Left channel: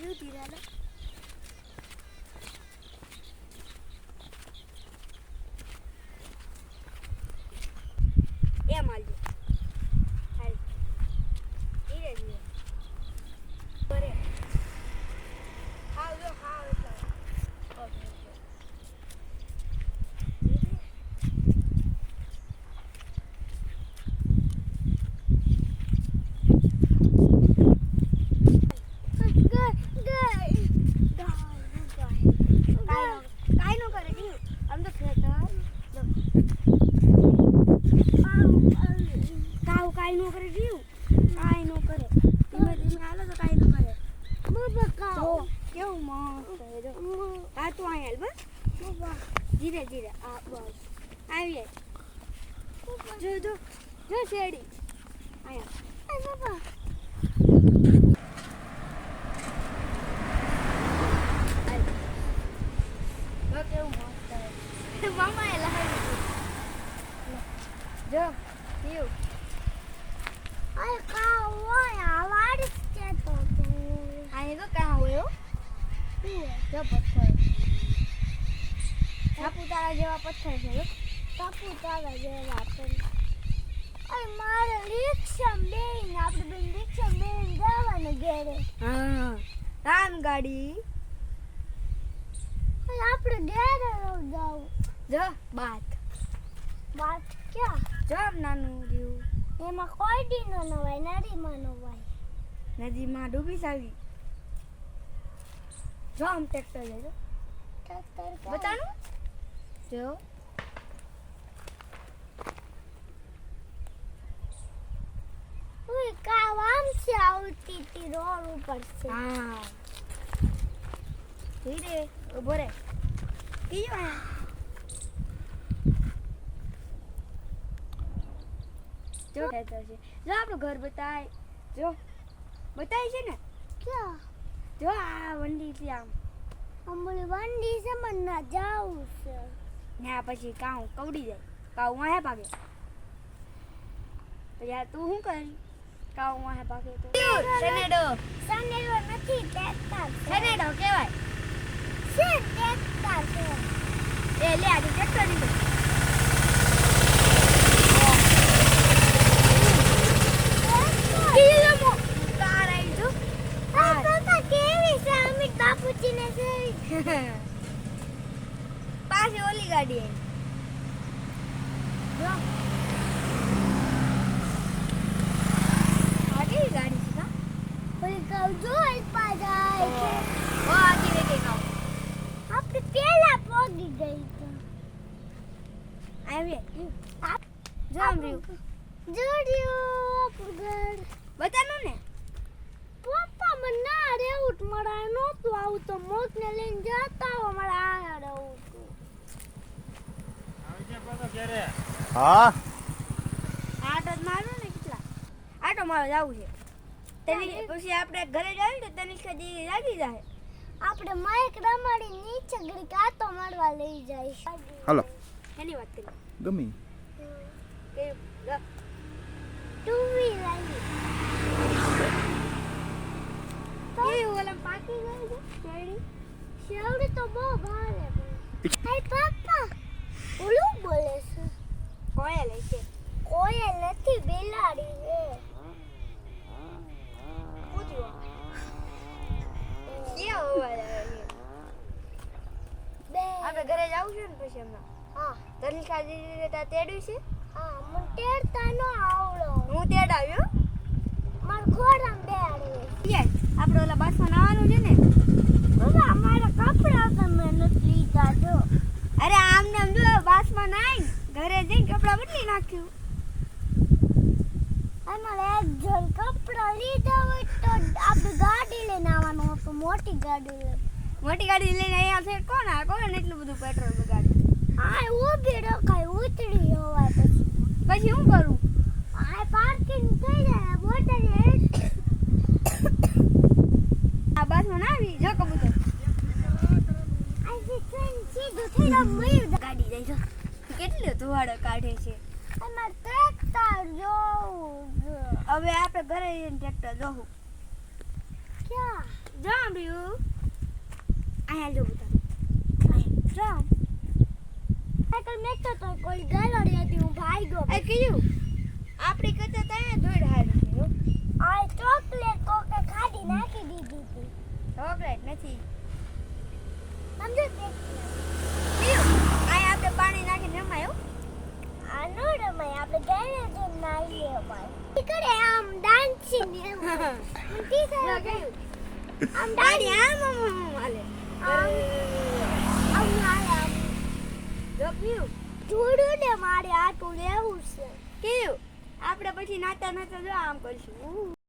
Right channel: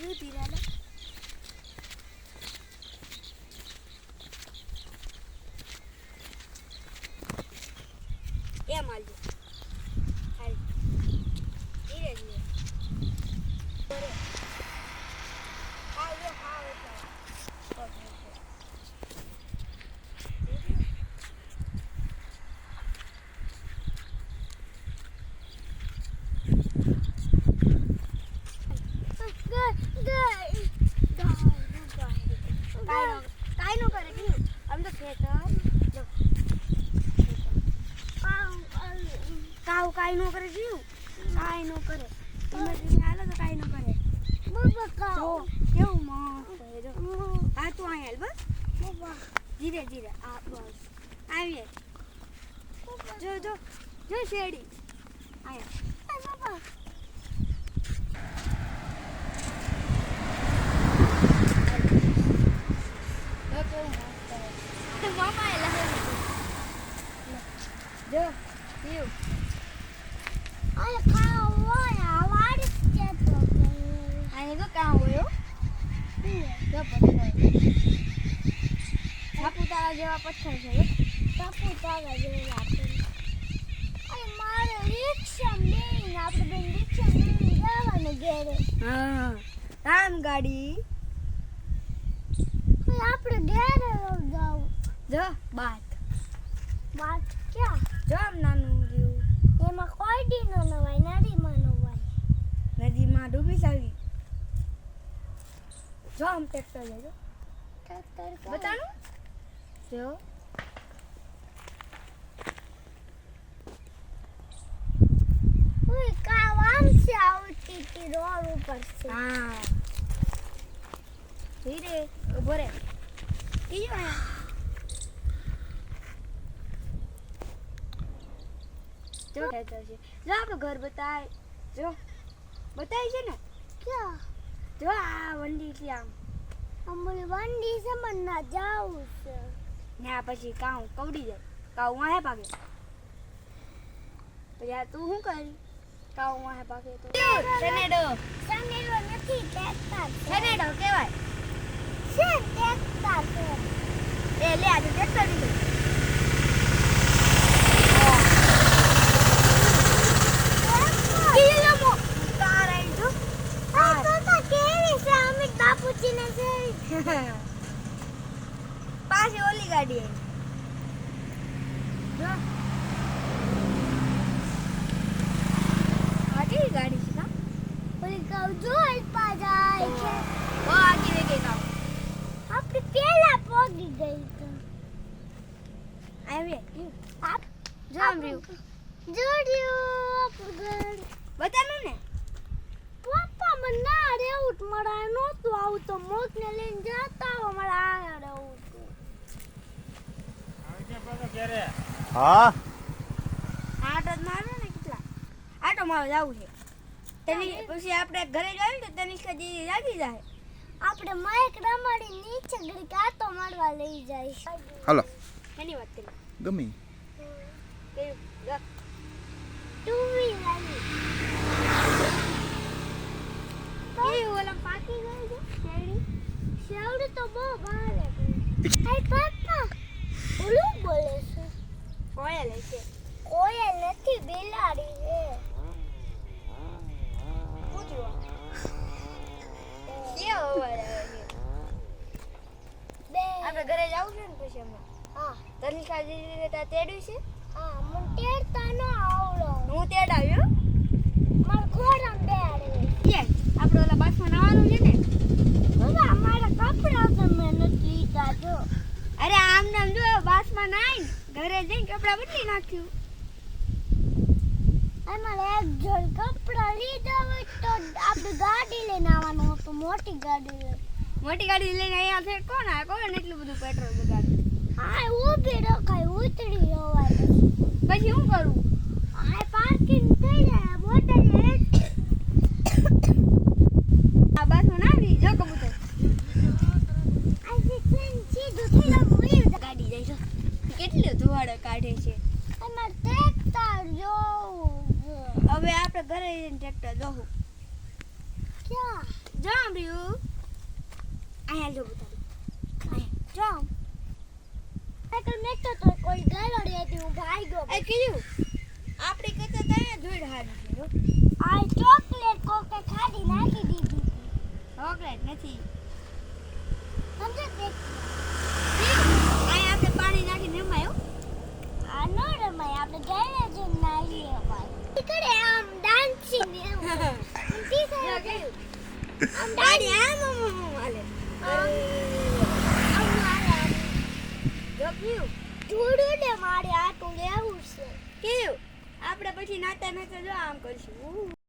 ગયું ધીરાલા એ માલજો હાલ ધીરે ધીરે બરે હાલ એટલે ઓકે કાઈ નો કરે કે આમ તો ખેતર કાઈ નો કરે જીવ કાઈ નો કરે ધીમે ધીમે હાલો તો કાઈ નો કરે જો કેવું મસ્ત હે જો આ તું અહીં હાલ બસ ધીરે ધીરે આ બસ આવી જો જો જો શેડી આયા બાબા Mama ela Jo, viu? Ai, carro, olha, lá de teto. Aí do carro, eu? Jo, pode. Saputada જેવા પથ્થર છે સાપુતારા જેવા પથ્થર. અરે મારે રિક્ષા બેન આપણે બેન રિક્ષા બેન જવાનું ઘરે. હા. રામ ગાડી. આપણે ઘરે જાવ. જો બાત ક્યાં જો આમ નાનું રહ્યું એમાં કોઈ દી ન નવાય નદીમાં નવાય નદીમાં ડૂબી જાવી જો આમ ટ્રેક્ટર લેજો ટ્રેક્ટર બતાનું જો ઓય કાવ આમ છે આવતી તી રોડ ઉપર છે હા ધીરે ઉભો રે કીયો આયા જો ખેતર છે જો આપણું ઘર બતાય જો બતાય છે ને ક્યાં જો આ વંડી છે આમ અમલી વંડી છે મને ના જાવું છે ને આ પછી કાઉ કવડી જાય કાઉ વાહે ભાગે તો યાર તું શું કરી કાઉ વાહે ભાગે તો સનેડો નથી ટ્રેક્ટર સનેડો કહેવાય છે ટ્રેક્ટર છે એ લે આ ટ્રેક્ટર નીકળ પાછી ઓલી ગાડી જો આડી ગાડી છે કા ઓલી કાવ જો પા જાય છે ઓ આજી વે ગઈ કાવ આપણે પેલા પોગી ગઈ તો આવે આપ જો આમ રહ્યું જોડ્યો પગડ બતાનું ને પપ્પા મને ના રેવું મરા નહોતું આવું તો મોત ને લઈને જતા હો મારા આ રહેવું આવી કે પાછા ઘરે હા આટો મારો ને કેટલા આટો મારો જાવું છે તેની પછી આપણે ઘરે જાવી તો તેની કદી જાગી જાય આપણે માઈક રમાડી નીચે ગઈ કાતો મારવા લઈ જાય હાલો એની વાત કરી ગમી કે ટુવી વાલી એ ઓલા પાકી ગઈ છે શેરડી તો બહુ ભારે હાય પાપા ઓલું બોલે છે કોયલ છે કોયલ નથી બિલાડી છે પૂછો કે ઓવા બે આપણે ઘરે જાવું છે ને પછી હમણાં હા તને ખાજી રેતા તેડ્યું છે હા મને તેડતા ન આવડો હું તેડાવ્યો માર ઘોડામ બેડે યે આપણે ઓલા બાસમાં નાવાનું છે ને બાબા અમારા કપડા તમે નથી લીધા જો અરે આમ નામ જો બાસમાં નાઈ ઘરે જઈને કપડા બદલી નાખ્યું અમારે એક જોડ કપડા લીધા હોય તો આપણે ગાડી લઈને આવવાનું હતું મોટી ગાડી લઈને અહીંયા છે કોણ આ કોણ એટલું બધું પેટ્રોલ બગાડ્યું હા ઊભી રખાય ઉતરી હોવાય પછી શું કરું આ પાર્કિંગ થઈ જાય મોટર આ બાસમાં ના આવી જો કબૂતર આજે ટ્રેન સીધું થઈને મુઈ ગાડી જાય છે કેટલો ધુવાડો કાઢે છે અમાર ટ્રેક્ટર જો હવે આપણે ઘરે જઈને ટ્રેક્ટર જોવું ક્યાં જામ રહ્યું અહીંયા જો બતા જામ સાયકલ મેકતો તો કોઈ ગલોડી હતી હું ભાગ્યો એ કીધું આપણી કચા ત્યાં ધોડ હારી આ ચોકલેટ કોકે ખાડી નાખી દીધી હતી ચોકલેટ નથી સમજો તે આ આપણે પાણી નાખીને રમાયો આ નો રમાય આપણે ગેરેજ જઈને નાઈ લે ભાઈ કરે આમ ડાન્સિંગ એમ ટી થાય આમ ડાડી આમ હાલે આમ હાલે આમ જોપ્યું થોડું ને મારે આટું લેવું છે કેવું આપણે પછી નાતા નાતા જો આમ કરશું